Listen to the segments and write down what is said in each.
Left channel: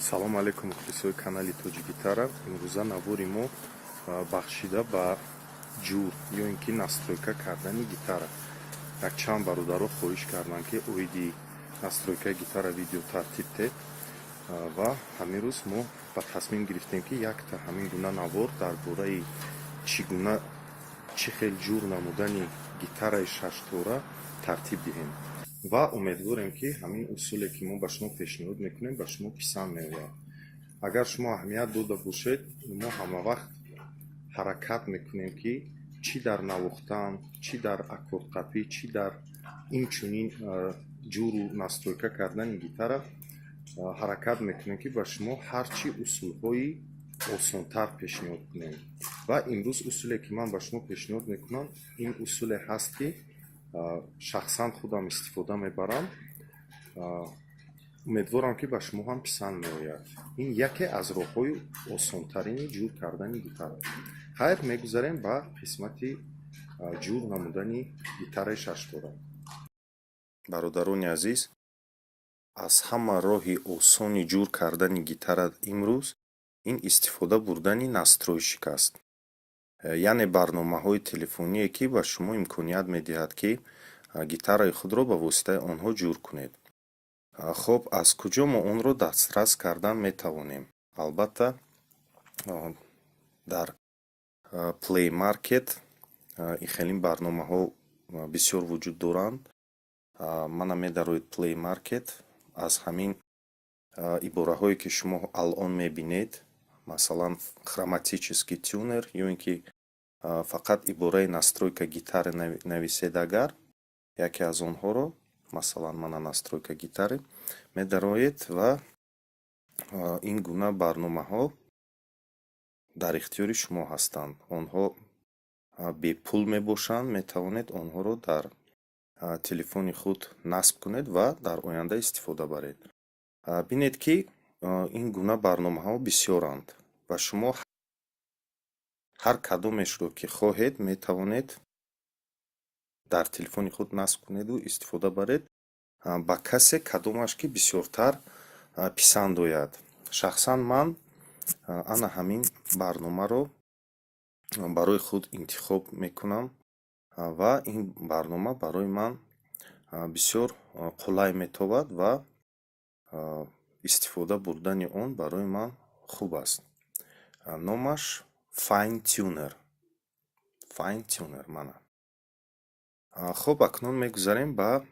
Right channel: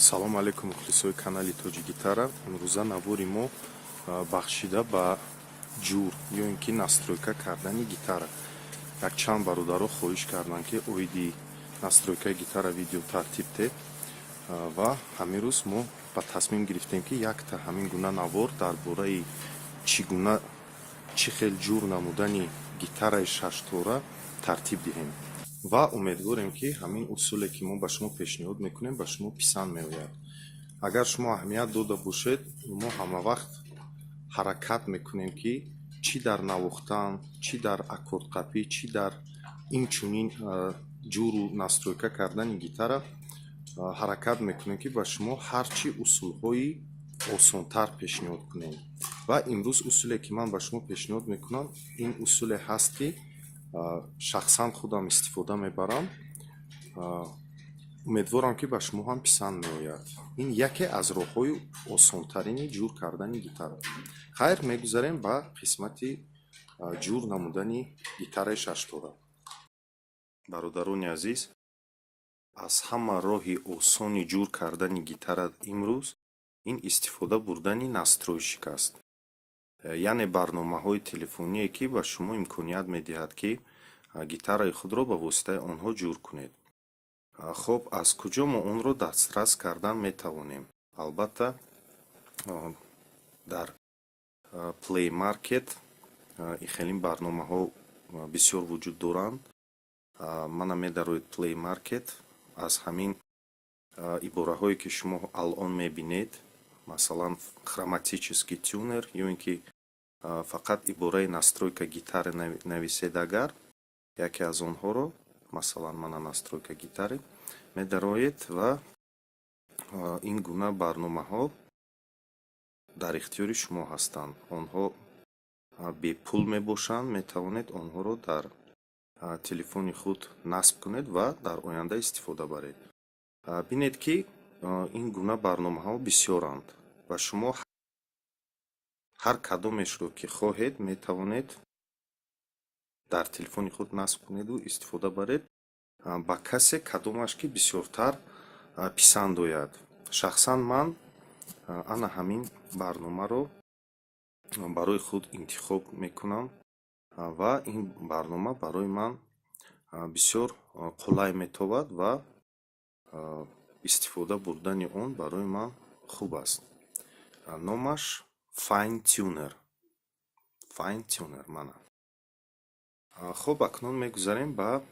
Салом алейкум мухлисои канали Тоҷи Гитара. Имрӯза навори мо бахшида ба ҷур ё ин ки настройка кардани гитара. Якчанд бародаро хоҳиш карданд ки оиди настройкаи гитара видео тартиб тед ва ҳамин рӯз мо ба тасмим гирифтем ки якта ҳамин гуна навор дар бораи чӣ гуна чӣ хел ҷур намудани гитараи шаштора тартиб диҳем ва умедворем ки ҳамин усуле ки мо ба шумо пешниҳод мекунем ба шумо писанд меояд. Агар шумо аҳамият дода бошед, мо ҳамавақт ҳаракат мекунем ки чӣ дар навохтан, чӣ дар аккордқапӣ, чӣ дар инчунин ҷуру настройка кардани гитара ҳаракат мекунем ки ба шумо ҳарчи усулҳои осонтар пешниҳод кунем. Ва имрӯз усуле ки ман ба шумо пешниҳод мекунам, ин усуле ҳаст ки шахсан худам истифода мебарам. умедворам ки ба шумо ҳам писанд меояд. Ин яке аз роҳҳои осонтарини ҷур кардани гитара. Хайр, мегузарем ба қисмати ҷур намудани гитараи шаштора. Бародарони азиз, аз ҳама роҳи осони ҷур кардани гитара имрӯз ин истифода бурдани настройщик аст. яъне барномаҳои телефоние ки ба шумо имконият медиҳад ки гитараи худро ба воситаи онҳо ҷур кунед. хоб, аз куҷо мо онро дастрас кардан метавонем? Албатта дар Play Market ихелин барномаҳо бисёр вуҷуд доранд. мана медароед Play Market аз ҳамин ибораҳое ки шумо алон мебинед, масалан хроматический тюнер ё ин ки фақат ибораи настройка гитары нависед, агар яке аз онҳоро, масалан мана настройка гитары, медароед ва ин гуна барномаҳо дар ихтиёри шумо ҳастанд. онҳо бепул мебошанд, метавонед онҳоро дар телефони худ насб кунед ва дар оянда истифода баред. бинед ки ин гуна барномаҳо бисёранд ва шумо ҳар кадомешро ки хоҳед метавонед дар телефони худ насб кунеду истифода баред ба касе кадомаш ки бисёртар писанд ояд. шахсан ман ана ҳамин барномаро барои худ интихоб мекунам ва ин барнома барои ман бисёр қулай метовад ва истифода бурдани он барои ман хуб аст. номаш Fine Tuner мана. хоб, акнун мегузарем ба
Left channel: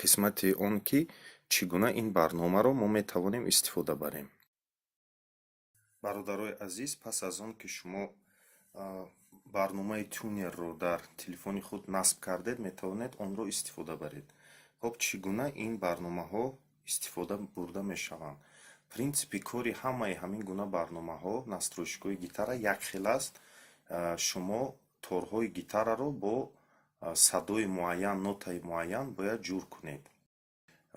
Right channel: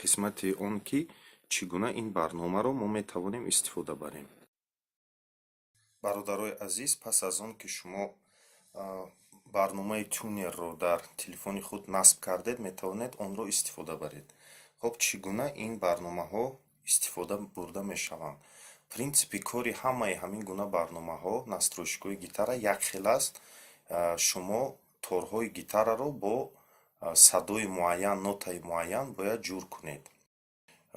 қисмати он ки чӣ гуна ин барномаро мо метавонем истифода барем. бародарои азиз, пас аз он ки шумо барномаи тюнерро дар телефони худ насб кардед, метавонед онро истифода баред. хоб, чӣ гуна ин барномаҳо истифода бурда мешаванд? принсипи кори ҳамаи ҳамин гуна барномаҳо, настройшикҳои гитара якхел аст. шумо торҳои гитараро бо садои муайян, нотаи муайян бояд ҷур кунед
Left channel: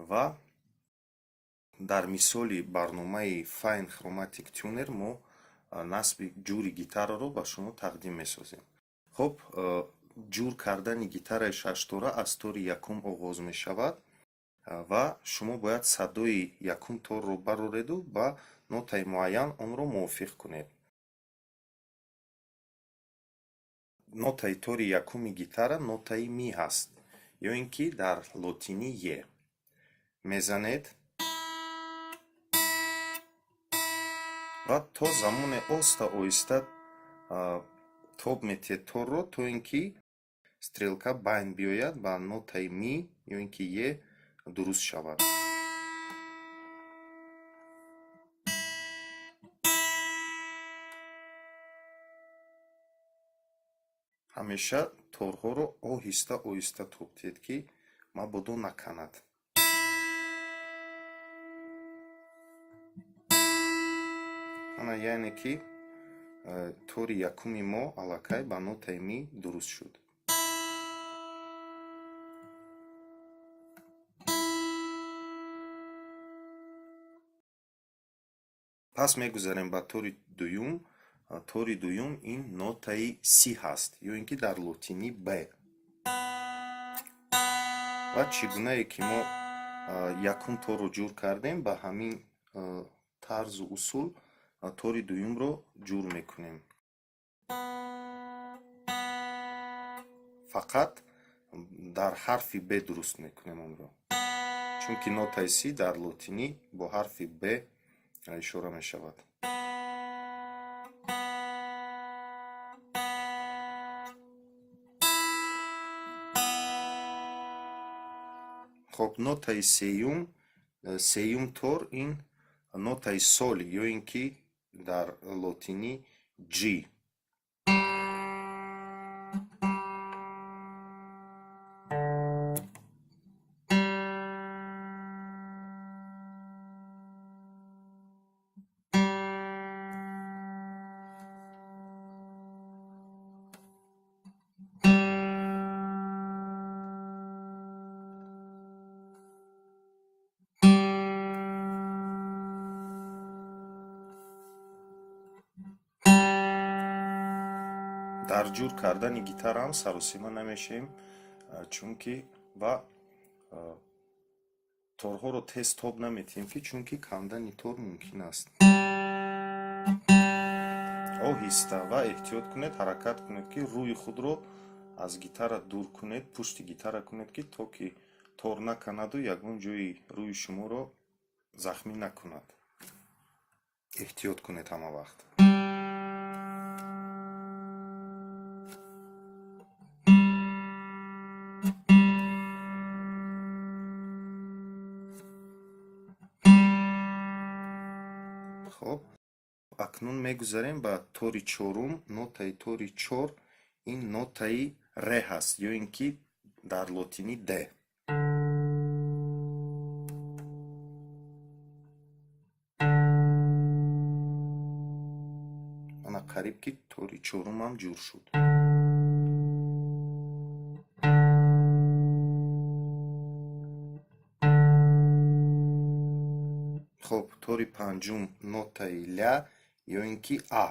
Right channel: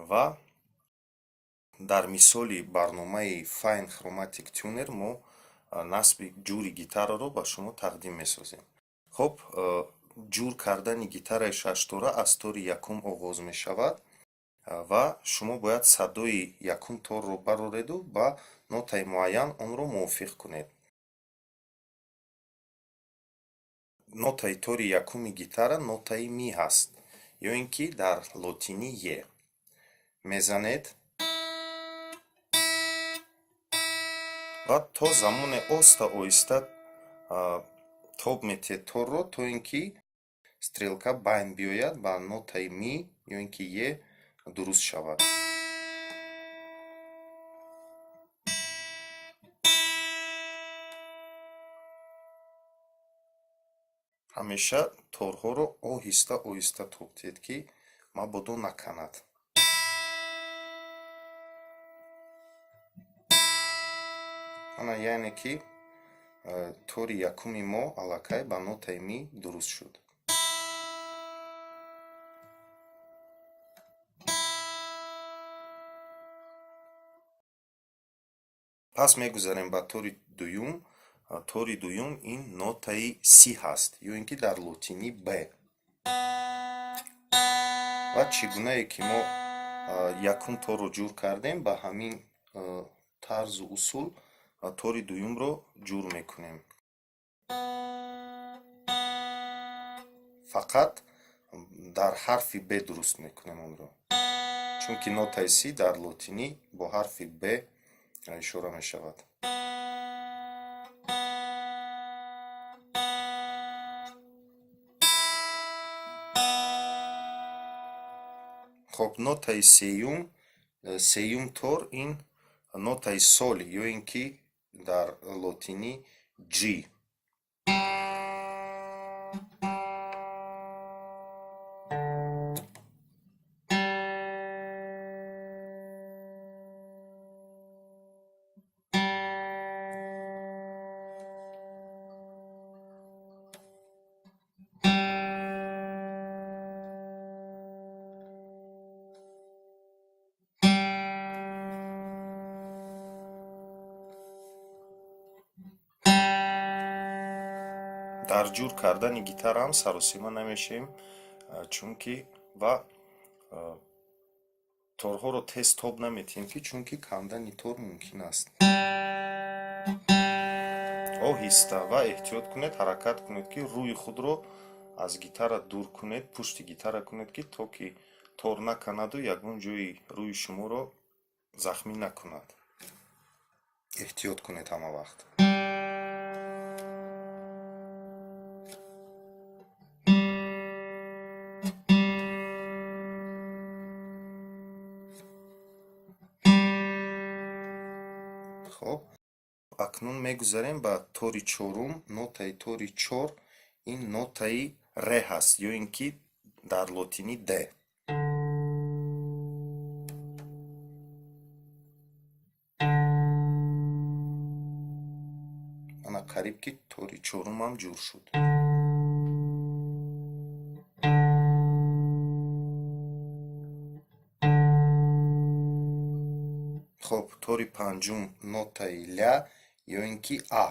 ва дар мисоли барномаи Fine Chromatic Tuner мо насби ҷури гитараро ба шумо тақдим месозем. хоб, ҷур кардани гитараи шаштора аз тори якум оғоз мешавад ва шумо бояд садои якум торро барореду ба нотаи муайян онро мувофиқ кунед. нотаи тори якуми гитара нотаи ми ҳаст, ё ин ки дар лотинӣ е. мезанед ва то замоне оста оҳиста тоб метиҳед торро, то ин ки стрелка байн биёяд ба нотаи ми ё ин ки е дуруст шавад. ҳамеша торҳоро оҳиста оҳиста тоб диҳед ки мабодо наканад. ана яъне ки тори якуми мо аллакай ба нотаи ми дуруст шуд. пас мегузарем ба тори дуюм. тори дуюм ин нотаи си ҳаст, ё ин ки дар лотинӣ б. ва чӣ гунае ки мо якум торро ҷур кардем, ба ҳамин тарзу усул тори дуюмро ҷур мекунем. фақат дар ҳарфи б дуруст мекунем онро, чунки нотаи си дар лотинӣ бо ҳарфи б ишора мешавад. хоб нотаи сеюм тор ин нотаи сол ё ин ки дар лотинӣ G. дар ҷур кардани гитара ҳам саросима намешавем, чунки ва торҳоро тез тоб наметиҳем, чунки кандани тор мумкин аст. оҳиста ва эҳтиёт кунед, ҳаракат кунед ки рӯи худро аз гитара дур кунед, пушти гитара кунед, ки то ки тор наканаду ягон ҷои рӯи шуморо захмӣ накунад. эҳтиёт кунед ҳама вақт. хоб акнун мегузарем ба тори чорум. нотаи тори чор ин нотаи ре ҳаст, ё ин ки дар лотинӣ д. ана қариб ки тори чорумам ҷур шуд. хоб тори панҷум нотаи ля ё ин ки а.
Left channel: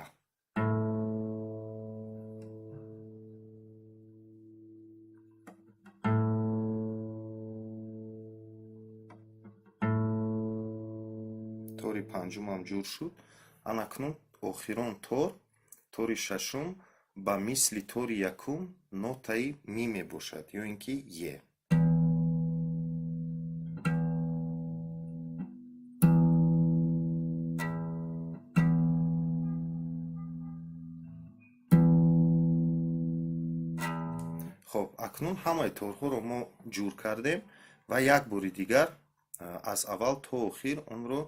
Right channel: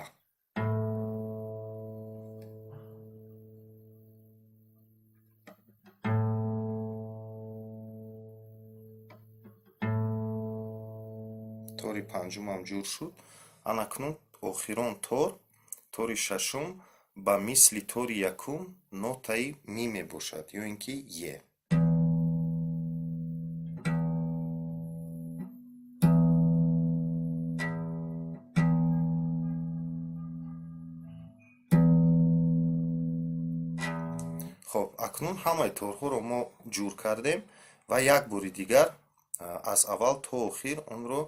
тори панҷумам ҷур шуд. анакнун охирон тори шашум ба мисли тори якум нотаи ми мебошад, ё ин ки е. хоб акнун ҳамаи торҳоро мо ҷур кардем ва як бори дигар аз аввал то охир онро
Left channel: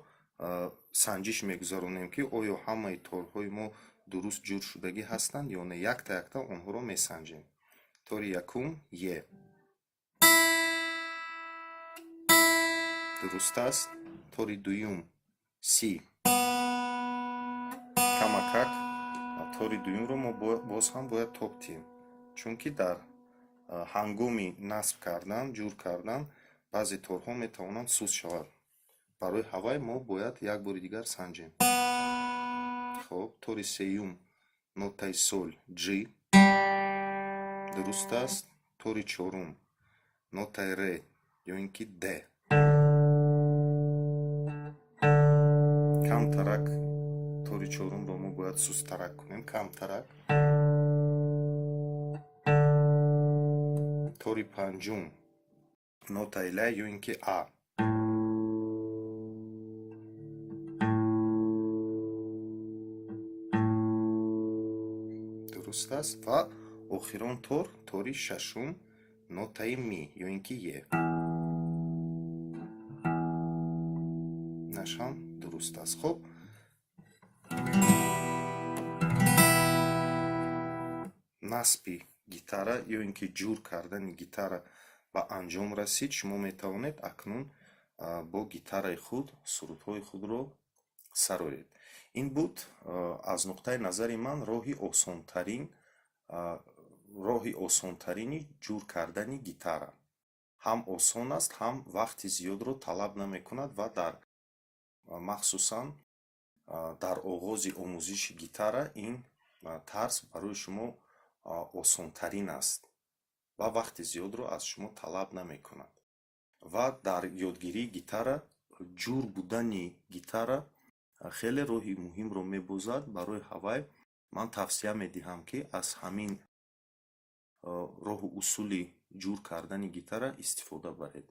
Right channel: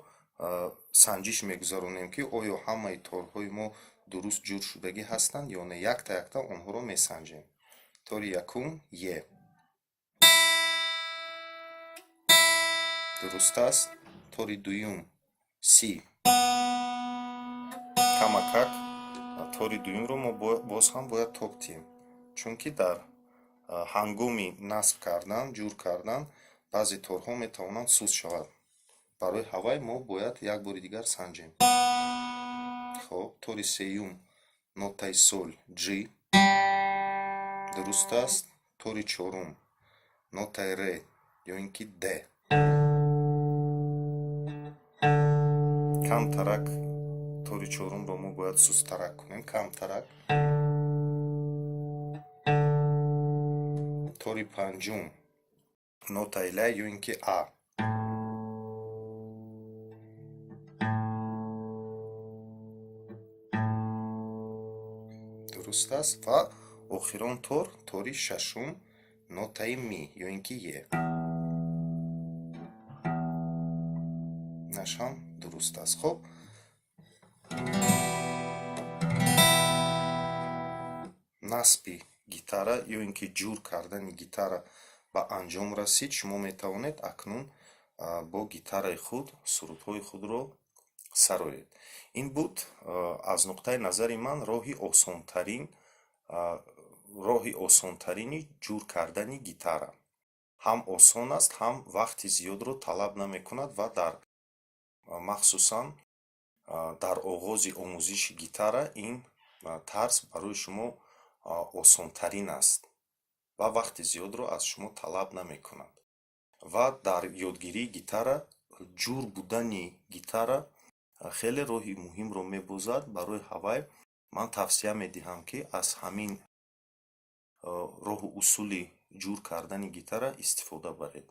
санҷиш мегузаронем, ки оё ҳамаи торҳои мо дуруст ҷур шудагӣ ҳастанд ё не. якта якта онҳоро месанҷем. тори якум е. дуруст аст. тори дуюм си. камакак тори дуюмро мо боз ҳам бояд тоб диҳем, чунки дар ҳангоми насб кардан, ҷур кардан баъзе торҳо метавонанд суст шаванд. барои ҳавай мо бояд як бори дигар санҷем. хоб тори сеюм нотаи сол G. дуруст аст. тори чорум нотаи ре ё ин ки д. камтарак тори чорумро мо бояд сусттарак кунем, камтарак. тори панҷум нотаи ла ё ин ки а. дуруст аст. ва охирон тори шашум нотаи ми ё ин ки е. нашам дуруст аст. хоб насби гитара ё ин ки ҷур кардани гитара ба анҷом расид. шумо метавонед акнун бо гитараи худ сурудҳои худро сароед. ин буд аз нуқтаи назари ман роҳи осонтарини ҷур кардани гитара. ҳам осон аст, ҳам вақти зиёдро талаб намекунад ва махсусан дар оғози омӯзиши гитара ин тарз барои шумо осонтарин аст ва вақти зиёдро аз шумо талаб намекунад. ва дар ёдгирии гитара ҷур будани гитара хеле роҳи муҳимро мебозад. Барои ҳавай ман тавсия медиҳам, ки аз ҳамин роҳу усули ҷур кардани гитара истифода баред.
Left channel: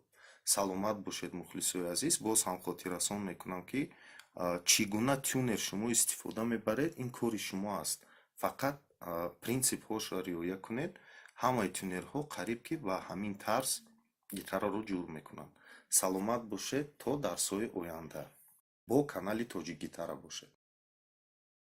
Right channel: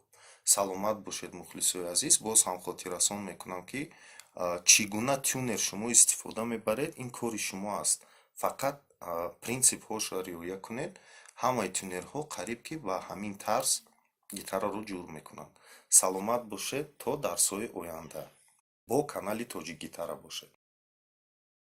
Саломат бошед мухлисои азиз. Боз ҳам хотиррасон мекунам, ки чӣ гуна тюнер шумо истифода мебаред, ин кори шумо аст. Фақат принсипҳоро риоя кунед. Ҳамаи тюнерҳо қариб ки ба ҳамин тарз гитараро ҷур мекунанд. Саломат бошед то дарсҳои оянда. Бо канали Тоҷик Гитара бошед.